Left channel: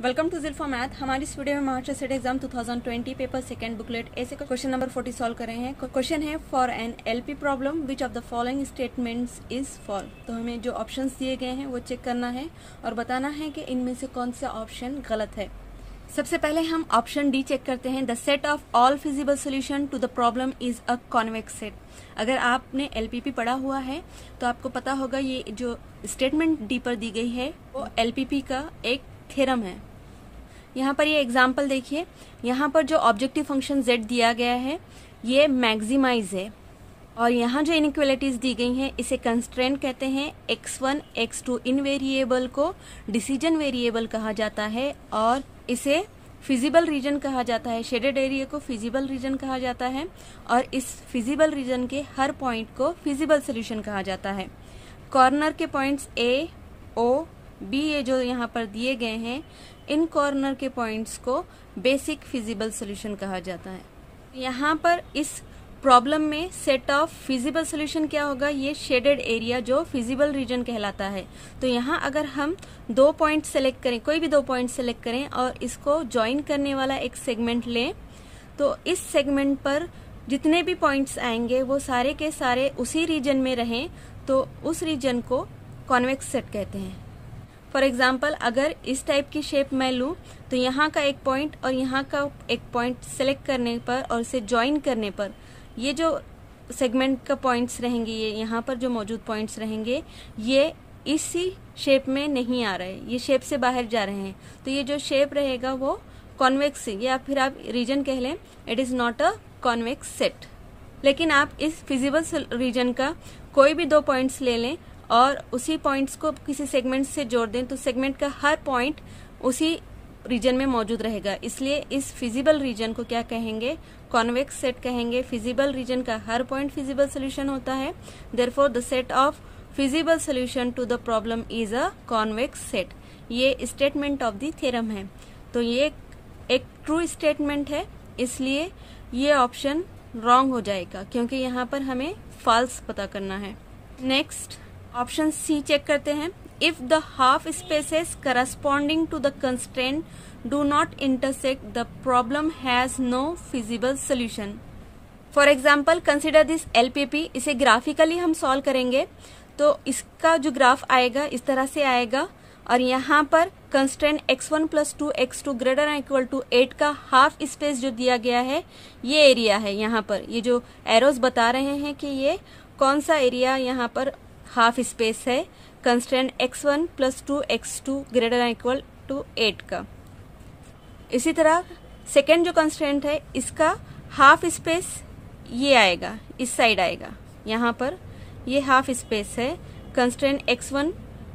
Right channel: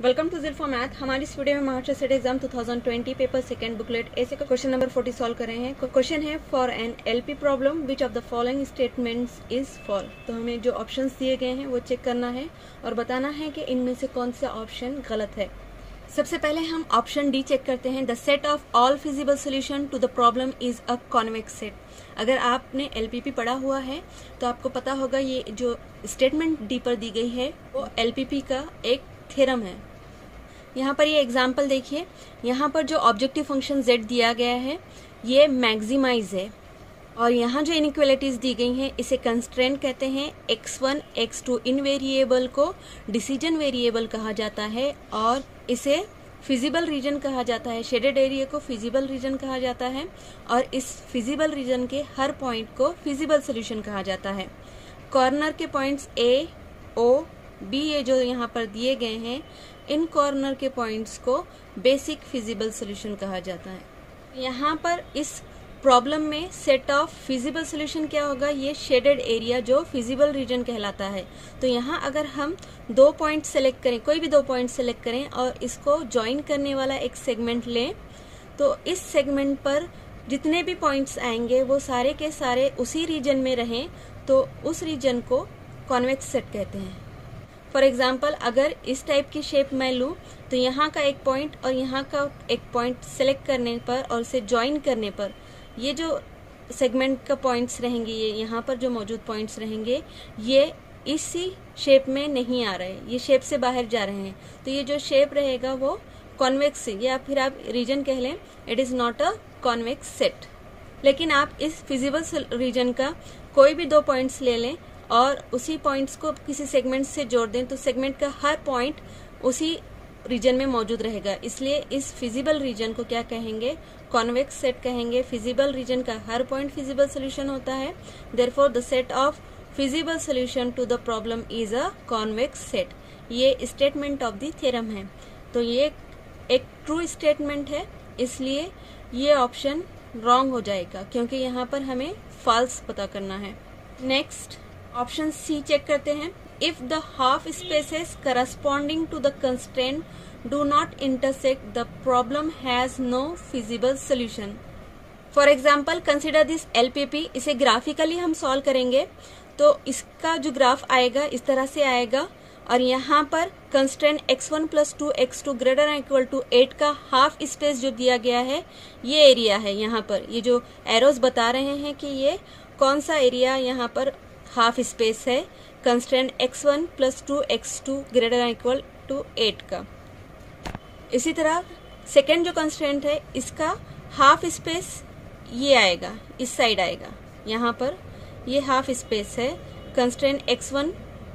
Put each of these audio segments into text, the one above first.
Welcome to जिल्फा math. हमारी इस video में Maharashtra state exam 2020 paper second booklet ऐसे का क्वेश्चन नंबर 40 सॉल्व कर रहे हैं। क्वेश्चन है for an LP problem which of the following statements is false. तो हमें जो ऑप्शंस दिए गए हैं वो चेक करना है और बताना है कि इनमें से कौन सा ऑप्शन गलत है। सबसे पहले हम ऑप्शन डी चेक करते हैं। The set of all feasible solution to the problem is a convex set. अगर आपने एलपीपी पढ़ा हुआ है तो आपको पता होगा ये जो स्टेटमेंट डी पर दी गई है वो एलपीपी का एक थ्योरम है। यहाँ पर ये एग्जाम्पल देखिए, यहाँ पर जो ऑब्जेक्टिव फंक्शन z दिया गया है ये मैक्सिमाइज है और यहाँ जो इनइक्वालिटीज दी गई हैं इसे कंस्ट्रेंट कहते हैं। x1 x2 इन वेरिएबल को डिसीजन वेरिएबल कहा जाता है और इसे फिजिबल रीजन कहा जाता है। शेडेड एरिया को फिजिबल रीजन कहा जाता है और इस फिजिबल रीजन के हर पॉइंट को फिजिबल सोल्यूशन कहा जाता है। कॉर्नर के पॉइंट्स a, o, b ये जो यहाँ पर दिए गए हैं इन कॉर्नर के पॉइंट्स को बेसिक फिजिबल सोल्यूशन कहा जाता है। यहाँ पर इस प्रॉब्लम में सेट ऑफ फिजिबल सोल्यूशन क्या होगा, ये शेडेड एरिया जो फिजिबल रीजन कहलाता है। तो यहाँ अगर हम दो पॉइंट सेलेक्ट करें, कोई भी दो पॉइंट सेलेक्ट करें और इसको ज्वाइन करने वाला एक सेगमेंट लें तो इस सेगमेंट पर जितने भी पॉइंट्स आएंगे वो सारे के सारे उसी रीजन में रहें तो उस रीजन को कॉन्वेक्स सेट कहते हैं। फॉर एग्जाम्पल अगर इस टाइप की शेप मैं लूं तो यहाँ का एक पॉइंट और यहाँ का एक पॉइंट सेलेक्ट करने पर और इसे ज्वाइन करने पर ये जो सेगमेंट का पॉइंट्स रहेंगे, ये यहाँ पर जो मौजूद पॉइंट्स रहेंगे ये इसी शेप में नहीं आ रहे, ये शेप से बाहर जा रहे हैं। तो ये जो शेप रहेगा वो कॉन्वेक्स या फिर आप रीजन कह लें, it is not a convex set. लेकिन आप इस फिजिबल रीजन का कोई भी दो पॉइंट्स ले लें और उसी पॉइंट्स को किसी सेगमेंट से जोड़ दें तो सेगमेंट का हर पॉइंट उसी रीजन में मौजूद रहेगा। इसलिए इस फिजिबल रीजन को क्या कहेंगे, कॉन्वेक्स सेट कहेंगे। फिजिबल रीजन का हर पॉइंट फिजिबल सोल्यूशन होता है। Therefore the set of feasible solution to the problem is a convex set. ये स्टेटमेंट ऑफ द थ्योरम है। तो ये एक ट्रू स्टेटमेंट है, इसलिए ये ऑप्शन रॉन्ग हो जाएगा क्योंकि यहाँ पर हमें फॉल्स पता करना है। नेक्स्ट ऑप्शन सी चेक करते हैं। If the half spaces corresponding to the constraint do not intersect the problem has no feasible solution. For example consider this LPP. इसे ग्राफिकली हम सॉल्व करेंगे तो इसका जो ग्राफ आएगा इस तरह से आएगा और यहाँ पर constraint x1 + 2 x2 greater and equal to 8 का हाफ स्पेस जो दिया गया है ये एरिया है। यहाँ पर ये जो एरोज बता रहे हैं कि ये कौन सा एरिया यहाँ पर हाफ स्पेस है constraint x1 + 2 x2 greater and equal to 8 का। इसी तरह सेकेंड जो कंस्ट्रेंट है इसका हाफ स्पेस ये आएगा, इस साइड आएगा। यहाँ पर ये हाफ स्पेस है constraint x1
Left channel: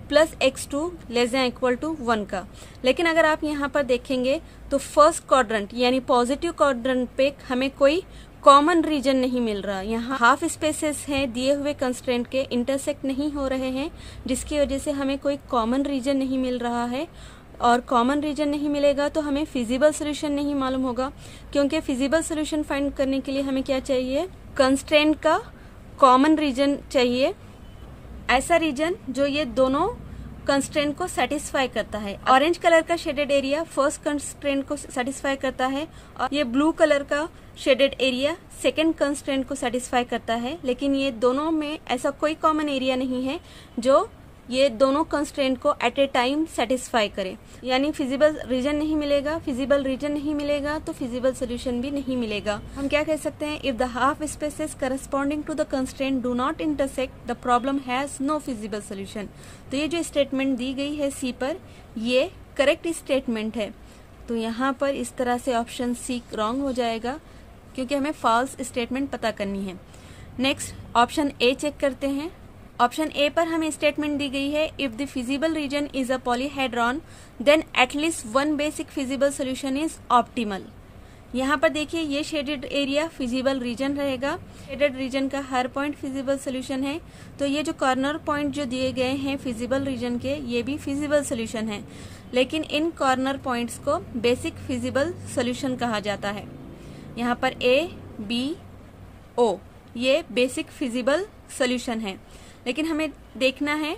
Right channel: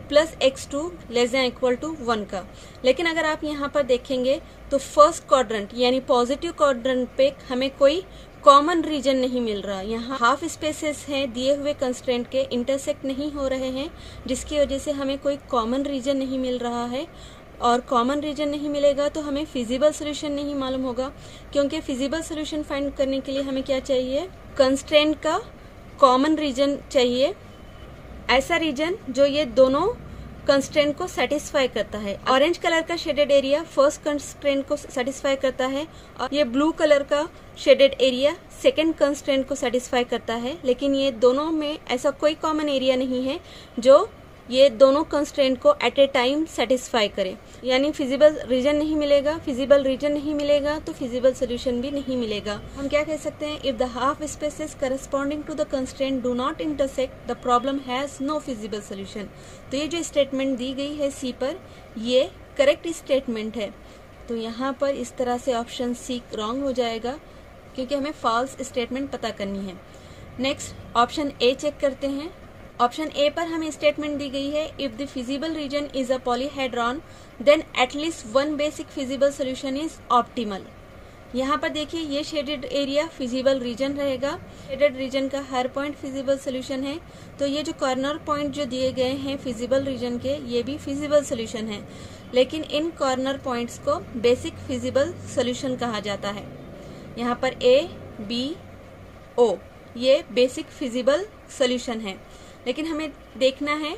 + x2 less than equal to 1 का। लेकिन अगर आप यहाँ पर देखेंगे तो फर्स्ट क्वाड्रेंट यानी पॉजिटिव क्वाड्रेंट पे हमें कोई कॉमन रीजन नहीं मिल रहा। यहाँ हाफ स्पेसेस हैं दिए हुए कंस्ट्रेंट के, इंटरसेक्ट नहीं हो रहे हैं, जिसकी वजह से हमें कोई कॉमन रीजन नहीं मिल रहा है। और कॉमन रीजन नहीं मिलेगा तो हमें फिजिबल सोल्यूशन नहीं मालूम होगा, क्योंकि फिजिबल सोल्यूशन फाइंड करने के लिए हमें क्या चाहिए, कंस्ट्रेंट का कॉमन रीजन चाहिए, ऐसा रीजन जो ये दोनों कंस्ट्रेंट को सेटिस्फाई करता है। ऑरेंज कलर का शेडेड एरिया फर्स्ट कंस्ट्रेंट को सेटिस्फाई करता है और ये ब्लू कलर का शेडेड एरिया सेकेंड कंस्ट्रेंट को सेटिस्फाई करता है। लेकिन ये दोनों में ऐसा कोई कॉमन एरिया नहीं है जो ये दोनों कंस्ट्रेंट को एट ए टाइम सेटिस्फाई करे। यानी फिजिबल रीजन नहीं मिलेगा, फिजिबल रीजन नहीं मिलेगा तो फिजिबल सोल्यूशन भी नहीं मिलेगा। हम क्या कह सकते हैं, if the half spaces corresponding to the constraint do not intersect the problem has no feasible solution. तो ये जो स्टेटमेंट दी गई है सी पर ये करेक्ट स्टेटमेंट है। तो यहाँ पर इस तरह से ऑप्शन सी रॉन्ग हो जाएगा क्योंकि हमें फॉल्स स्टेटमेंट पता करनी है। नेक्स्ट ऑप्शन ए चेक करते हैं। ऑप्शन ए पर हमें स्टेटमेंट दी गई है, if the feasible region is a polyhedron then at least one basic feasible solution is optimal. यहाँ पर देखिए ये शेडेड एरिया फिजिबल रीजन रहेगा, शेडेड रीजन का हर पॉइंट फिजिबल सोल्यूशन है। तो ये जो कॉर्नर पॉइंट जो दिए गए हैं फिजिबल रीजन के ये भी फिजिबल सोल्यूशन है। लेकिन इन कॉर्नर पॉइंट्स को बेसिक फिजिबल सोल्यूशन कहा जाता है। यहाँ पर ए बी ओ ये बेसिक फिजिबल सोल्यूशन है। लेकिन हमें देखना है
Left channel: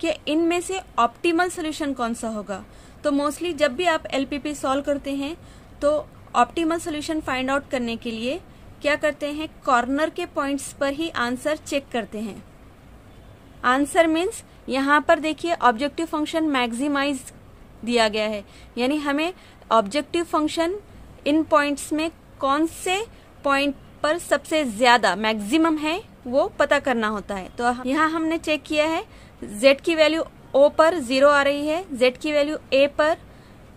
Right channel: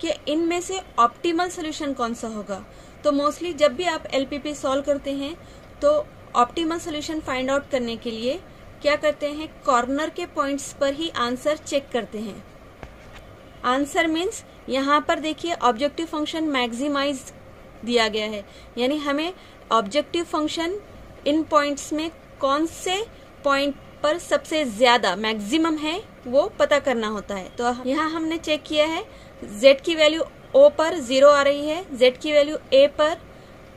कि इनमें से ऑप्टिमल सोल्यूशन कौन सा होगा। तो मोस्टली जब भी आप एलपीपी सॉल्व करते हैं तो ऑप्टिमल सोल्यूशन फाइंड आउट करने के लिए क्या करते हैं, कॉर्नर के पॉइंट्स पर ही आंसर चेक करते हैं। आंसर मीन्स यहाँ पर देखिए ऑब्जेक्टिव फंक्शन मैक्सिमाइज दिया गया है, यानी हमें ऑब्जेक्टिव फंक्शन इन पॉइंट्स में कौन से पॉइंट पर सबसे ज्यादा मैक्सिमम है वो पता करना होता है। तो यहाँ हमने चेक किया है z की वैल्यू O पर 0 आ रही है, z की वैल्यू A पर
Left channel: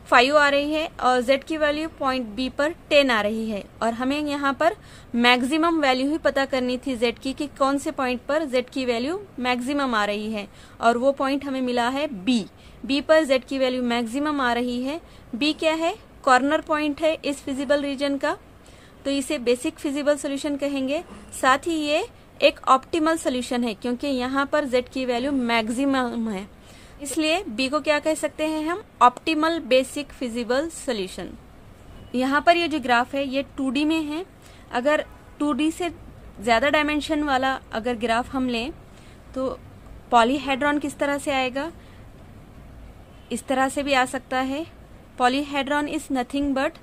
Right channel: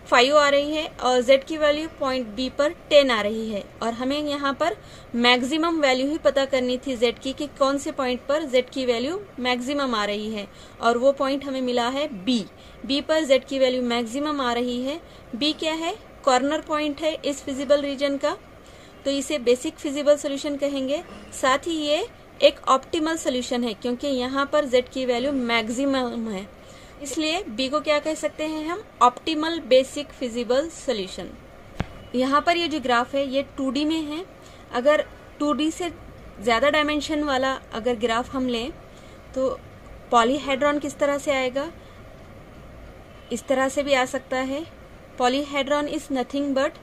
5 आ रही है और z की वैल्यू पॉइंट B पर 10 आ रही है। और हमें यहाँ पर मैक्सिमम वैल्यू ही पता करनी थी z की कि कौन से पॉइंट पर z की वैल्यू मैक्सिमम आ रही है, और वो पॉइंट हमें मिला है B पर z की वैल्यू मैक्सिमम आ रही है। B क्या है, कॉर्नर पॉइंट है इस फिजिबल रीजन का, तो इसे बेसिक फिजिबल सोल्यूशन कहेंगे। साथ ही ये एक ऑप्टिमल सोल्यूशन है क्योंकि यहाँ पर z की वैल्यू मैक्सिमम है, इसलिए B को क्या कह सकते हैं हम, ऑप्टिमल बेसिक फिजिबल सोल्यूशन। यहाँ पर ये जो ग्राफ है ये 2D में है। अगर 2D से ज्यादा डायमेंशन वाला अगर ग्राफ हम लें तो पॉलीहेड्रॉन किस तरह से आएगा, इस तरह से भी आ सकता है। Polyhedron is nothing but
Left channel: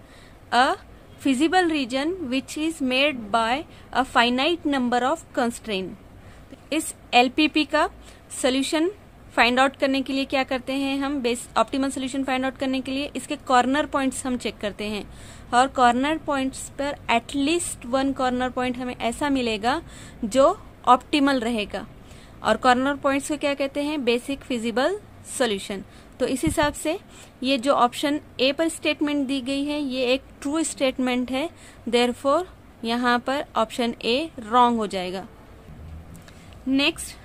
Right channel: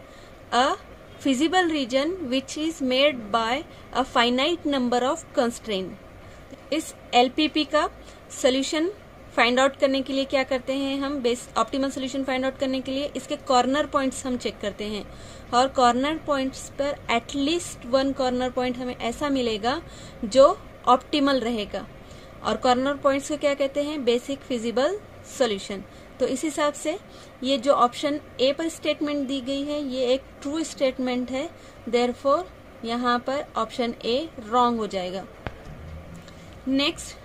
a feasible region which is made by a finite number of constraint. इस एलपीपी का सोल्यूशन फाइंड आउट करने के लिए क्या करते हैं हम, ऑप्टिमल सोल्यूशन फाइंड आउट करने के लिए इसके कॉर्नर पॉइंट्स हम चेक करते हैं, और कॉर्नर पॉइंट्स पर एटलीस्ट 1 कॉर्नर पॉइंट हमें ऐसा मिलेगा जो ऑप्टिमल रहेगा, और कॉर्नर पॉइंट्स को क्या कहते हैं, बेसिक फिजिबल सोल्यूशन। तो इस हिसाब से ये जो ऑप्शन ए पर स्टेटमेंट दी गई है ये एक ट्रू स्टेटमेंट है, देयरफॉर यहाँ पर ऑप्शन ए रॉन्ग हो जाएगा। नेक्स्ट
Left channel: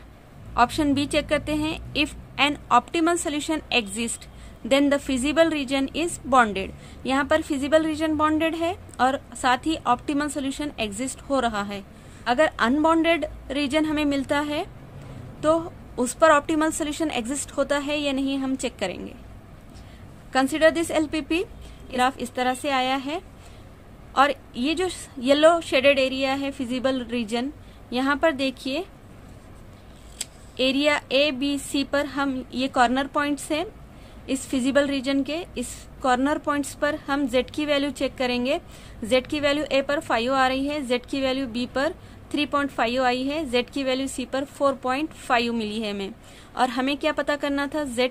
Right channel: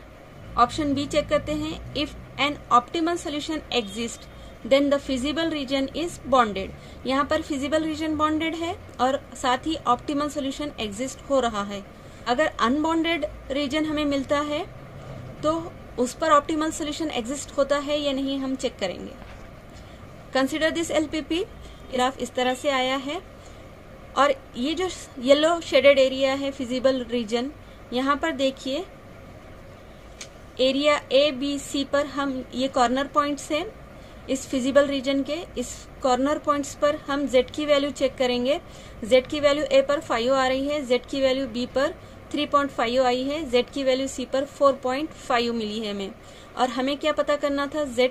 ऑप्शन बी चेक करते हैं, if an optimal solution exist then the feasible region is bounded. यहाँ पर फिजिबल रीजन बॉन्डेड है और साथ ही ऑप्टिमल सोल्यूशन एग्जिस्ट हो रहा है। अगर अनबॉन्डेड रीजन हमें मिलता है तो उस पर ऑप्टिमल सोल्यूशन एग्जिस्ट होता है या नहीं हम चेक करेंगे। कंसिडर दिस एलपीपी, ग्राफ इस तरह से आया है और ये जो येलो शेडेड एरिया है फिजिबल रीजन, यहाँ पर देखिए एरिया ए बी सी पर हम ये कॉर्नर पॉइंट्स हैं इस फिजिबल रीजन के, इस कॉर्नर पॉइंट्स पर हम z की वैल्यू चेक करेंगे। z की वैल्यू a पर 5 आ रही है, z की वैल्यू b पर 3.5 आई है, z की वैल्यू c पर 4.5 मिली है हमें। और हमें क्या पता करना था, z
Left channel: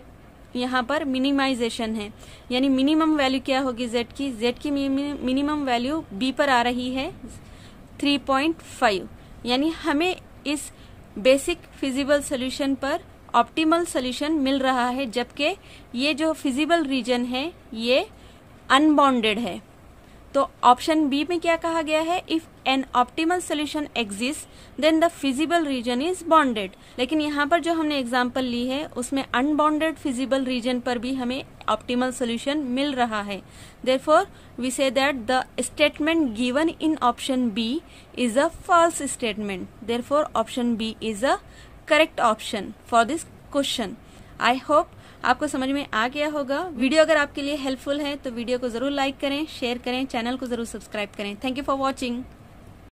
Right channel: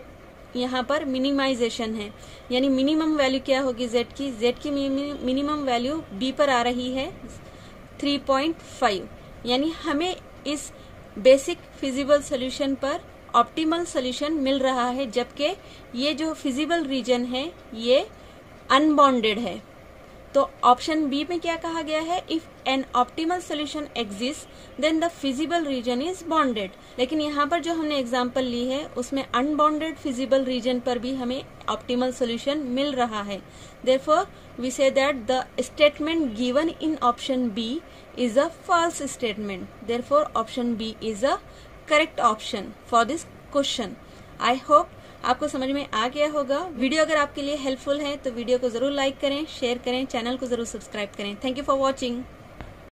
यहाँ पर मिनिमाइजेशन है, यानी मिनिमम वैल्यू क्या होगी z की मिनिमम वैल्यू b पर आ रही है 3.5, यानी हमें इस बेसिक फिजिबल सोल्यूशन पर ऑप्टिमल सोल्यूशन मिल रहा है, जबकि ये जो फिजिबल रीजन है ये अनबॉन्डेड है। तो ऑप्शन बी में क्या कहा गया है, if an optimal solution exist then the feasible region is bounded. लेकिन यहाँ पर जो हमने एग्जांपल ली है उसमें अनबॉन्डेड फिजिबल रीजन पर भी हमें ऑप्टिमल सोल्यूशन मिल रहा है। Therefore we say that the statement given in option B is a false statement. Therefore option B is a correct option for this question. I hope आपको समझ में आ गया होगा। वीडियो अगर आपके लिए हेल्पफुल है तो वीडियो को जरूर लाइक करें, शेयर करें, चैनल को जरूर सब्सक्राइब करें। Thank you for watching.